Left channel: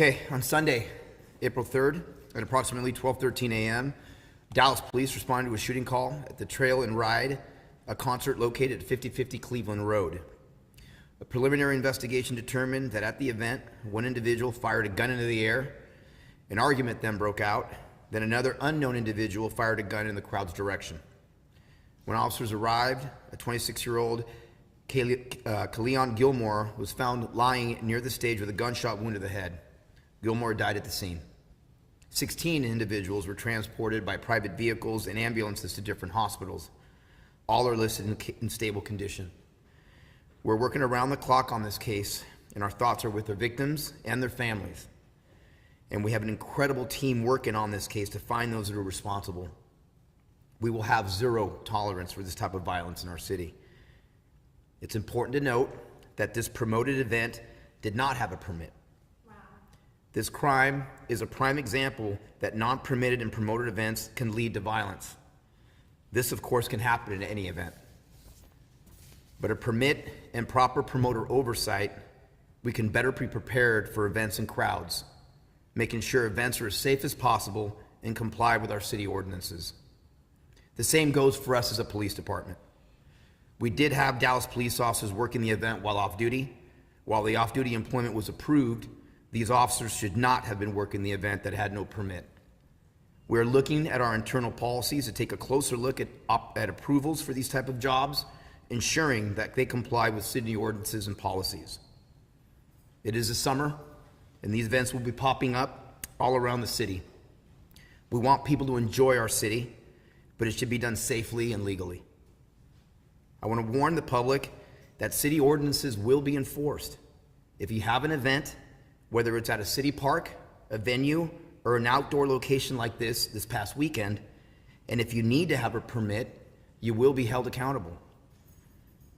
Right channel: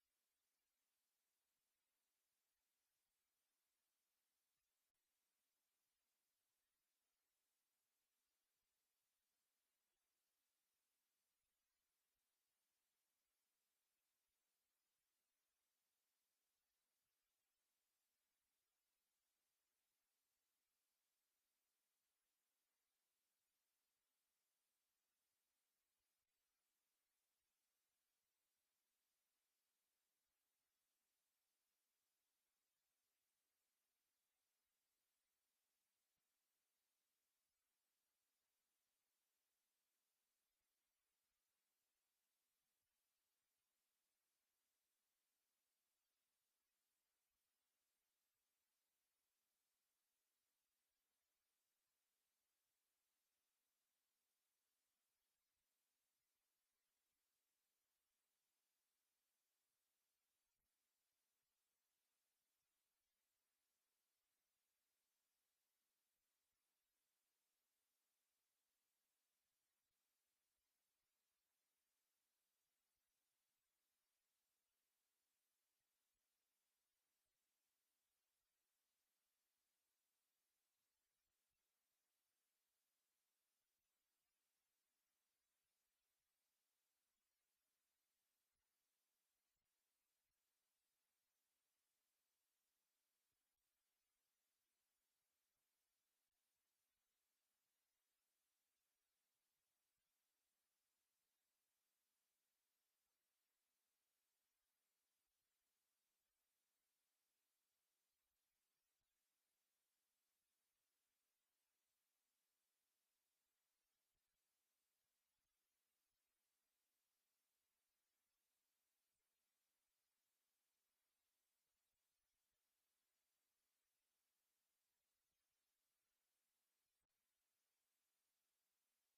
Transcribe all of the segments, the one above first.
Okay, on Sunday, April 3rd, at approximately 12:13 a.m., Dallas police responded to a shooting call at the Trail and Ride, a concert located at 5050 Cleveland Road. A preliminary investigation determined that at the event, one individual fired a gun into the air. An argument then broke out. Then another unknown individual fired a gun in the crowd's direction. When officers arrived, a 26-year-old Kaleon Gilmore was found lying near the stage with a gunshot wound to the head. Gilmore died at the scene. 16 individuals were transported by private vehicles and ambulances to different hospitals. All are listed in stable condition. We're working around the clock on this case, and our thoughts are with the victims and their families. And we have an incredible team working on this case to find those that are responsible. We will have zero tolerance for this type of violence in our city. It's important to note that this promoted event did not have a permit. This crime is a prime example that non-permitted and promoted events can lead to violence. This, of course, can happen in any event. But a permit and proper promoter oversight, we can better be prepared for events and crowds, making sure events are as safe as possible and comply with our city ordinances. The same goes for us as a police department. We did have Dallas police officers working the event while off duty. While the off-duty employment was approved, these officers should not have been working the event that had no permit. We're looking at our internal policies to take a closer look at approvals for these type of jobs, ensuring that they comply with city ordinances and policies. It is the summer, and these events will be popping up all around the city. We want people to enjoy our city, but it should be done safely and legally. I want to warn the public that city ordinances will be enforced. If you have an event, whether it's at a city park, a venue, or an outdoor location like this past weekend, and if you need to have a permit, you will be held accountable.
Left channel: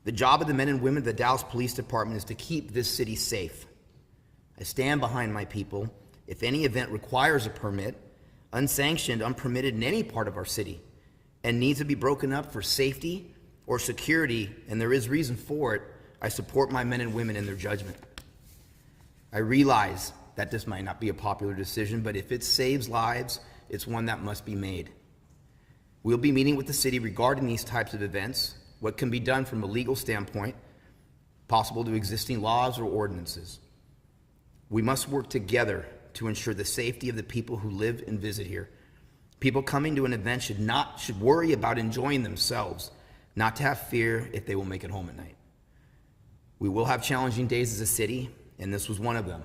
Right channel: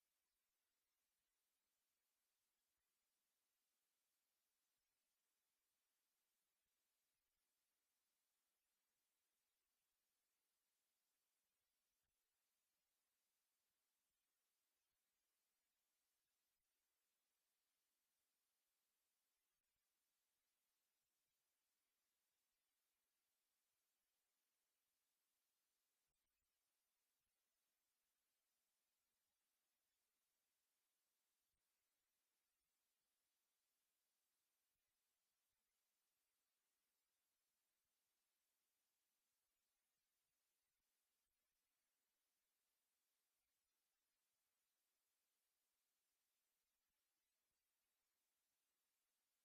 The job of the men and women of the Dallas Police Department is to keep this city safe. I stand behind my people. If any event requires a permit, unsanctioned, unpermitted in any part of our city, and needs to be broken up for safety or security, and there is reason for it, I support my men and women in their judgment. I realize that this might not be a popular decision, but if it saves lives, it's one that must be made. We'll be meeting with the city regarding these types of events, what can be done from a legal standpoint, possible to existing laws or ordinances. We must work together to ensure the safety of the people who live and visit here. People coming to an event should worry about enjoying themselves, not to have fear if they will make it home at night. We will have challenging days as a city, and this was one of them.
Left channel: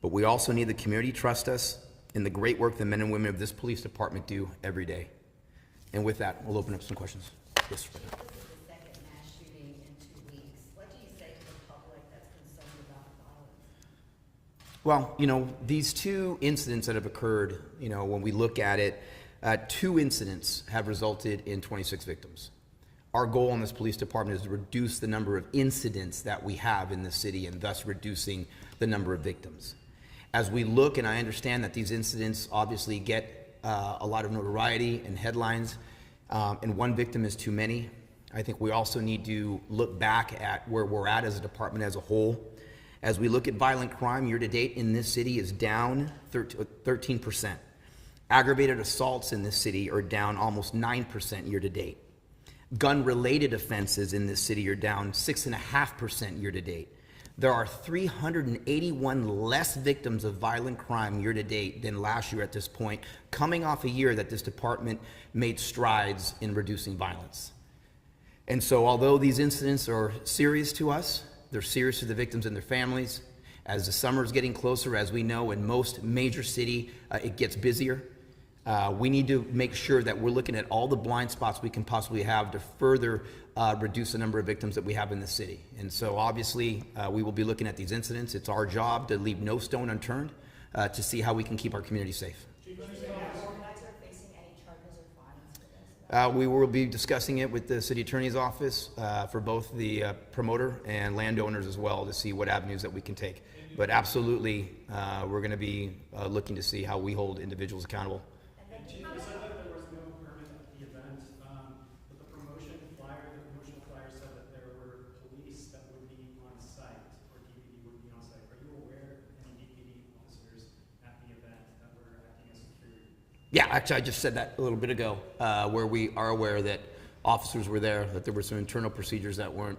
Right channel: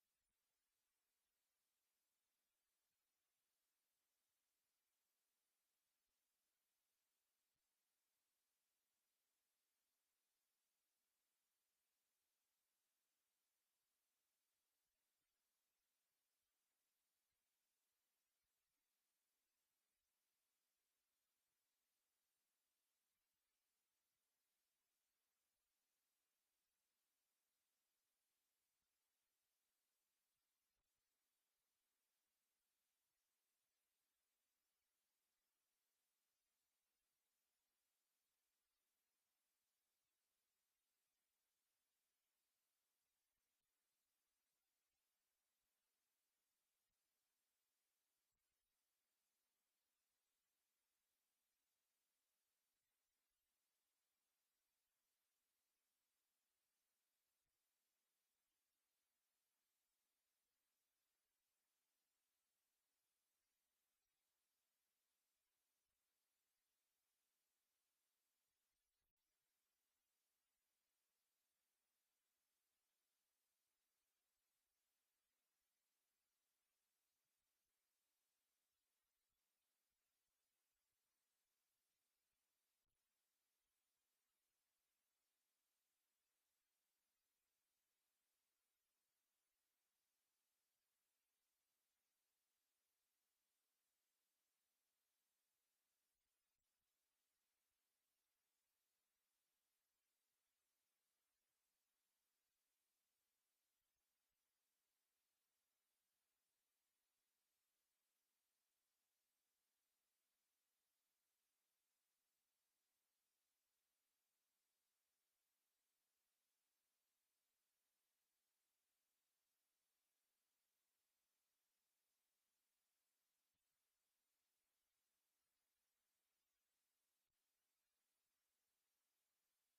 But we also need the community to trust us in the great work the men and women of this police department do every day. And with that, we'll open up some questions. Yes, sir. This is the second mass shooting in 2 weeks. What do you say to the public that's concerned about violence? Well, these two incidents that have occurred, when we look at it, 2 incidents have resulted in 26 victims. Our goal in this police department is to reduce the number of incidents that we have in the city and thus reducing the number of victims. As we look, and I understand that these incidents obviously get a lot of notoriety and headlines, and one victim is too many. I think we also need to look back at where we're at as a department as a whole. As we look at violent crime, year to date in this city is down 13%. Aggravated assaults in this city are down almost 9% year to date. Gun-related offenses in this city are down 6.5% year to date. There are 381 less victims of violent crime year to date than last year at this point, coming off a year that this department made strides in reducing violence. And so although these incidents are serious to us, they're serious to the victims and their families. As the summer is getting closer, as we know, in most major city, it gets busier. We need to make sure that we're looking at all the blind spots we can possibly have to further reduce the number of victims that we have in the city. And so obviously we will be looking at these incidents. It's our job to leave no stone unturned to see how we can keep our community safe. Do you think the organizer facing any charges or fines for this? We will be discussing it with the city attorney's office for both the promoter and landowners as well to see what avenues that we can take. But absolutely, we're going to be looking to see how we hold individuals accountable. Chief, you said that there was no permit at the event, but the promotional flyer said that there were police that would be on site, or DPD would be on site. Are you aware of any DPD officers Yeah, actually, I just said that a little bit ago, where we are aware that officers were there, that there were some internal procedures that weren't,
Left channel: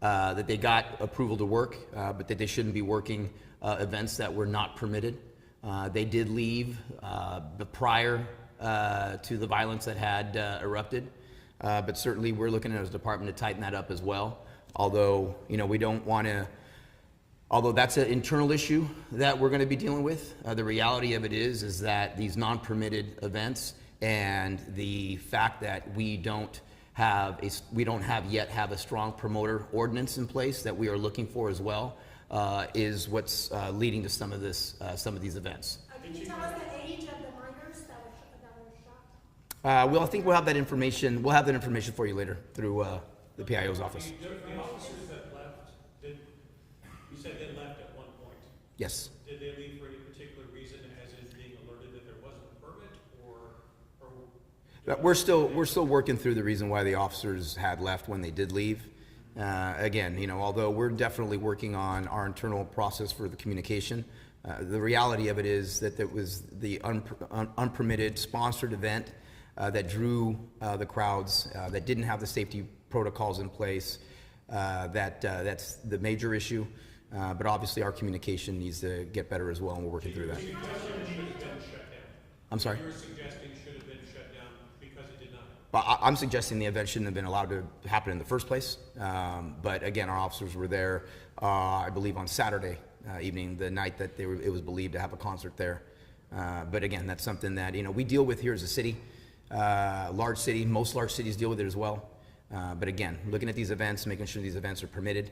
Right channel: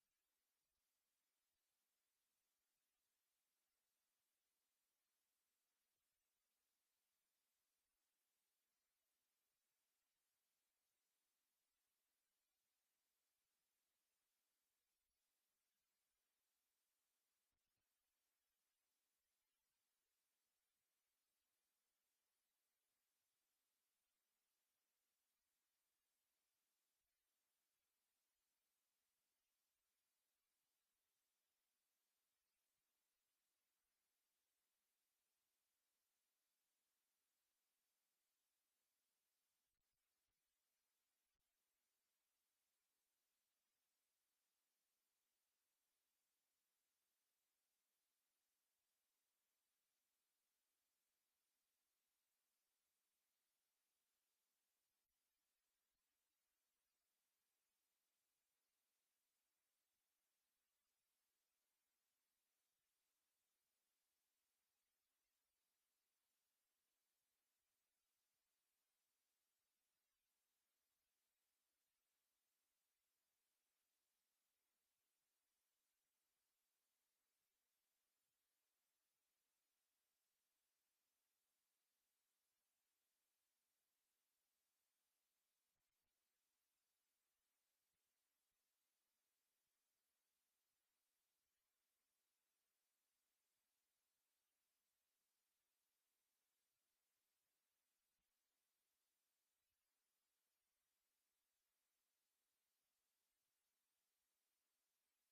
that they got approval to work, but that they shouldn't be working events that were not permitted. They did leave prior to the violence that had erupted, but certainly we're looking at as a department to tighten that up as well. Although, you know, we don't want to. Although that's an internal issue that we're going to be dealing with, the reality of it is that these non-permitted events and the fact that we don't yet have a strong promoter ordinance in place that we are looking for as well, is what's leading to some of these events. Can you tell us the age of the minors that were shot? Well, I think we'll have that information. We'll have that information for you later through the PIO's office. The officers that left, you said they left at one point. Yes. Did they leave for any particular reason, as in being alerted that there wasn't a permit, or? We're still working through the reason why the officers had left when they did leave. Again, you know, although we're definitely working on our internal process for the communication, the reality of it is that it was the unpermitted sponsored event that drew the crowds, that didn't have the safety protocols in place. That's the major issue. But obviously our communication needs to get better as well, and we're working through that. I'm sorry? You're suggesting should have been shut down because it did not? But I'm suggesting the event shouldn't have been allowed to happen in the first place. But again, our officers were there, I believe on Saturday evening, the night that it was believed to have a concert there. But again, that's something that, you know, we deal with here as a city, large city. Most large cities deal with it as well. But again, looking at these events, making sure these events are permitted,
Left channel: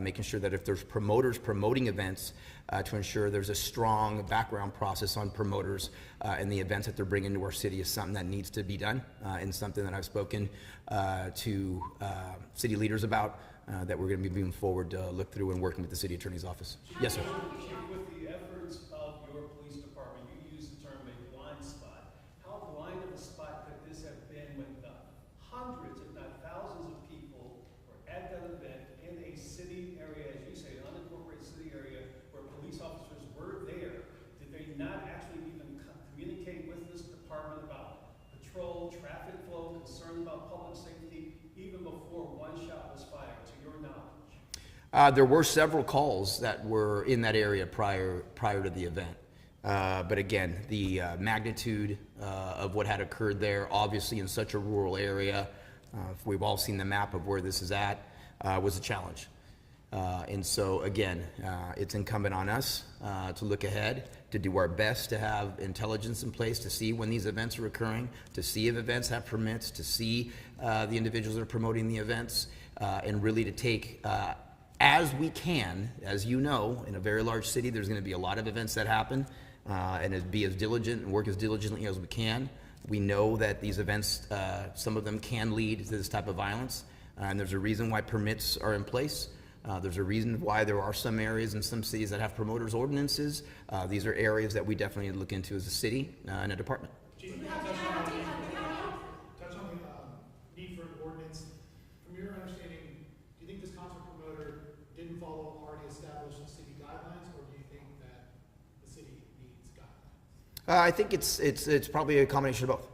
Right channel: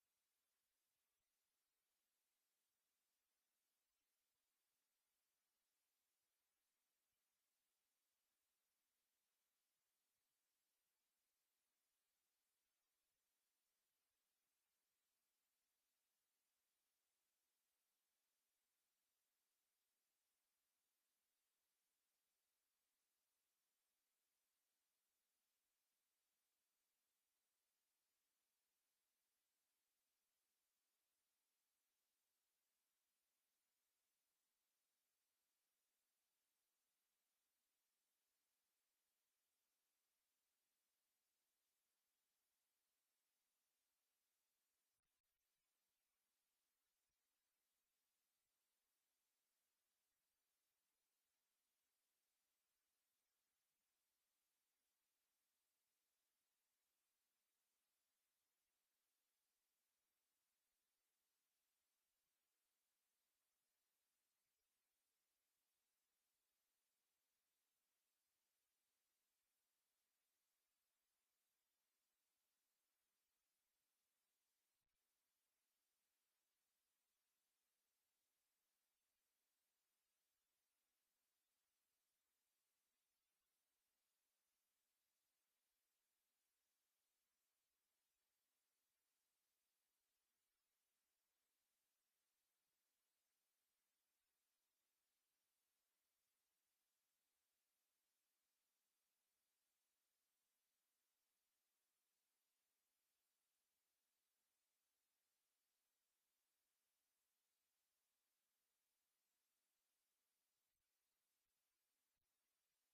making sure that if there's promoters promoting events, to ensure there's a strong background process on promoters and the events that they're bringing to our city is something that needs to be done, and something that I've spoken to city leaders about, that we're going to be moving forward to look through and working with the city attorney's office. Yes, sir. With the efforts of your police department, you use the term a blind spot. How blind of a spot could this have been when the hundreds, if not thousands of people were at that event in a city area, as you say, an unincorporated city area, where police officers were there? Did they not actually even communicate with this department about patrol, traffic flow, concern about public safety, even before one shot was fired, to your knowledge? There were several calls that were in that area prior to the event. But again, the magnitude of what had occurred there, obviously in such a rural area, we've all seen the map of where this is at, was a challenge. And so again, it's incumbent on us to look ahead, to do our best to have intelligence in place, to see when these events are occurring, to see if events have permits, to see the individuals that are promoting the events, and really to take, as we can, as you know, in a very large city, there's going to be a lot of events that happen, and be as diligent and work as diligently as we can. We know that these events, some of them can lead to this type of violence, and there's a reason why permits are in place. There's a reason why there are some areas in some cities that have promoters ordinances. These are areas that we definitely need to look into as a city and a department. Do you have the Touch on the need for an ordinance. From your understanding, do you think this concert promoter didn't follow already established city guidelines, or do you think that the city needs guidelines? I think it's probably a combination of both,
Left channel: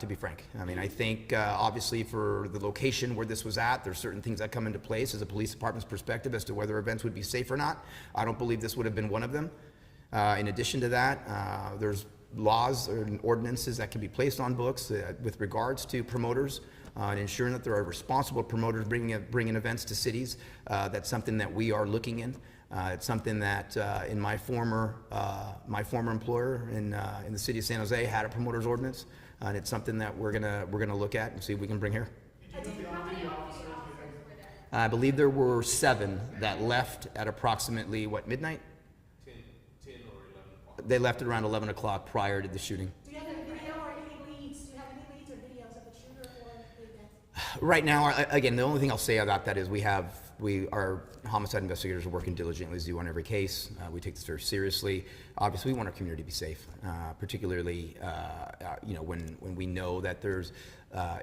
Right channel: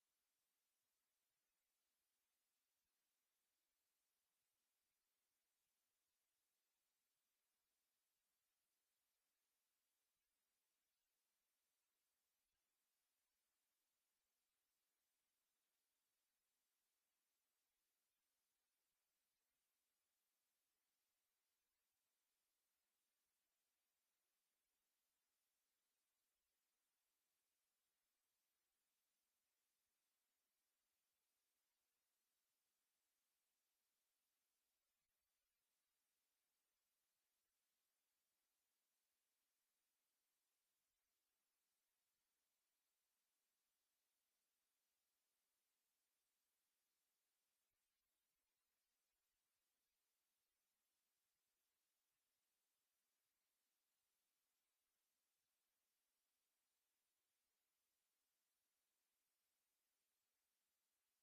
to be frank. I mean, I think obviously for the location where this was at, there's certain things that come into place as a police department's perspective as to whether events would be safe or not. I don't believe this would have been one of them. In addition to that, there's laws and ordinances that can be placed on books with regards to promoters and ensuring that there are responsible promoters bringing events to cities. That's something that we are looking in. It's something that in my former employer in the city of San Jose had a promoters ordinance, and it's something that we're gonna look at and see if we can bring here. I believe there were 7 that left at approximately midnight? 10 or 11 o'clock. They left at around 11 o'clock prior to the shooting. Do you have any video or any leads? Do you have any leads or videos of the shooter or the event? Right now, again, the only thing I'll say about that is our homicide investigators are working diligently as they do on every case. We take this very seriously. Obviously, we want our community to be safe, particularly when we know that there's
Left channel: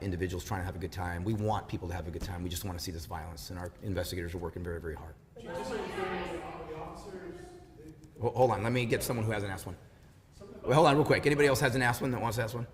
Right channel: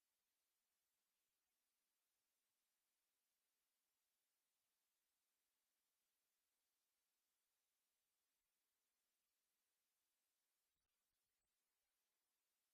individuals trying to have a good time. We want people to have a good time. We just want to see this violence, and our investigators are working very, very hard. Just so you're clear, the officers, Hold on, let me get someone who hasn't asked one. Some of the Well, hold on real quick. Anybody else hasn't asked one that wants to ask one?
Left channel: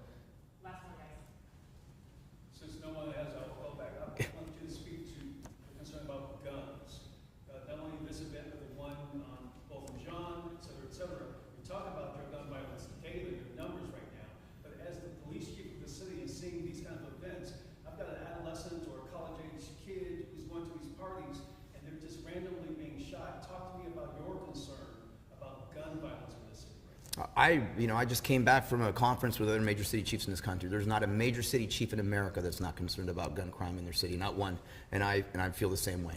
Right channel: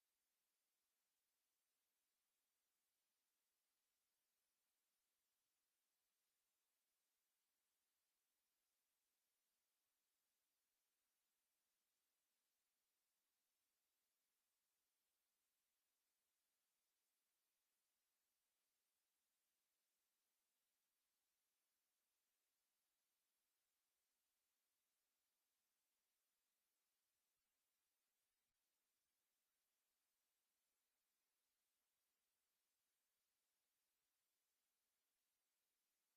Since no one has, I'll go back. I want you to speak to the concern about guns. Not only this event, but the one on both in John, et cetera, et cetera. We talk about drug gun violence daily, the numbers right now. But as the police chief of the city is seeing these kind of events, I've got an adolescent or a college-age kid who's going to these parties, and they're just randomly being shot. Talk to me about your concern about gun violence in the city right now. I just came back from a conference with other major city chiefs in this country. There's not a major city chief in America that's not concerned about gun crime in their city, not one. And I feel the same way.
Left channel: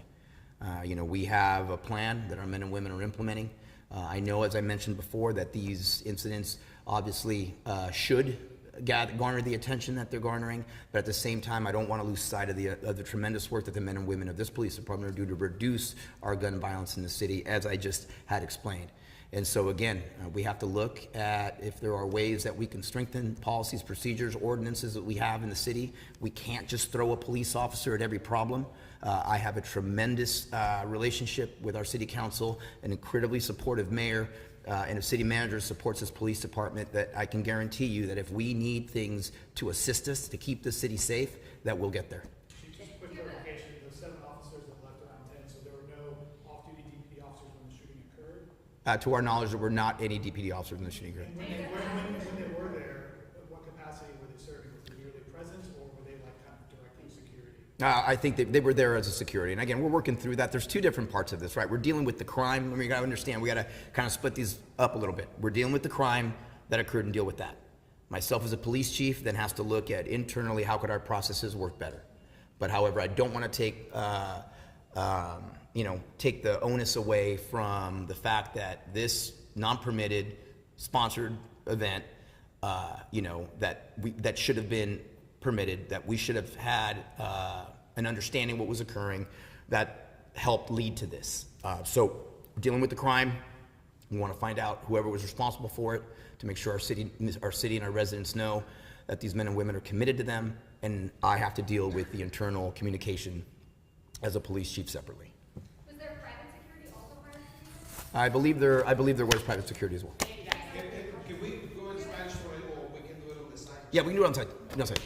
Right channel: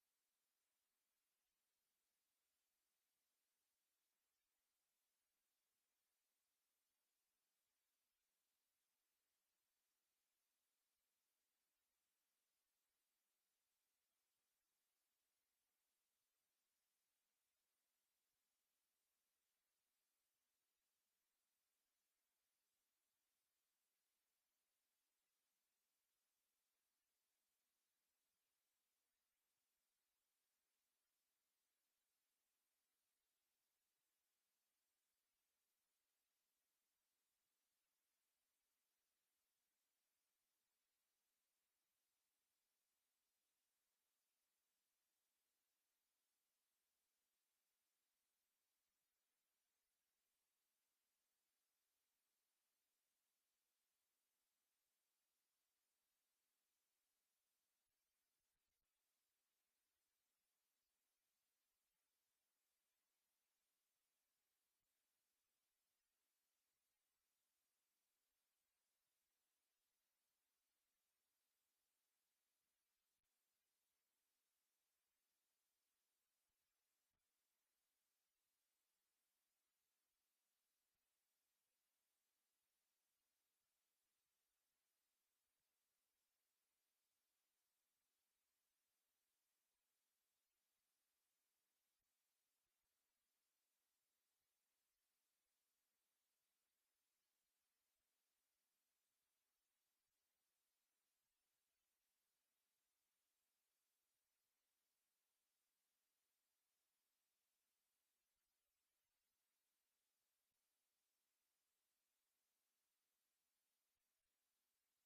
We have a plan that our men and women are implementing. I know, as I mentioned before, that these incidents obviously should garner the attention that they're garnering, but at the same time, I don't want to lose sight of the tremendous work that the men and women of this police department are doing to reduce our gun violence in the city, as I just had explained. And so again, we have to look at if there are ways that we can strengthen policies, procedures, ordinances that we have in the city. We can't just throw a police officer at every problem. I have a tremendous relationship with our city council, an incredibly supportive mayor, and a city manager supports his police department, that I can guarantee you that if we need things to assist us to keep the city safe, that we'll get there. Chief, just a quick clarification, those 7 officers that left around 10, so there were no off-duty DPD officers when the shooting occurred? To our knowledge, there were not any DPD officers in the shooting occurred. And when they were there, what capacity were they serving? Was it merely presence, or were they like kind of directing security? I think they were there as a security. And again, we're working through that. There's 2 different parts of this, right? We're dealing with the crime. I mean, you gotta understand, we gotta kind of split these up a little bit. We're dealing with the crime that occurred and deal with that. Myself as a police chief then has to look at internally, how could our processes work better? But however, I don't want to take the onus away from the fact that this non-permitted sponsored event, that should have been permitted, that we should have had an understanding what was occurring, that helped lead to this. So dealing with the crime, we want to find out whoever was responsible for it, to make sure our city and our residents know that these men and women are committed to them, and I have to deal with the internal communication as a police chief separately. Was there private security also part of the I believe there was private security as well. Can we go in Spanish for it, or we can do it on the side? Yeah, we can do it on site.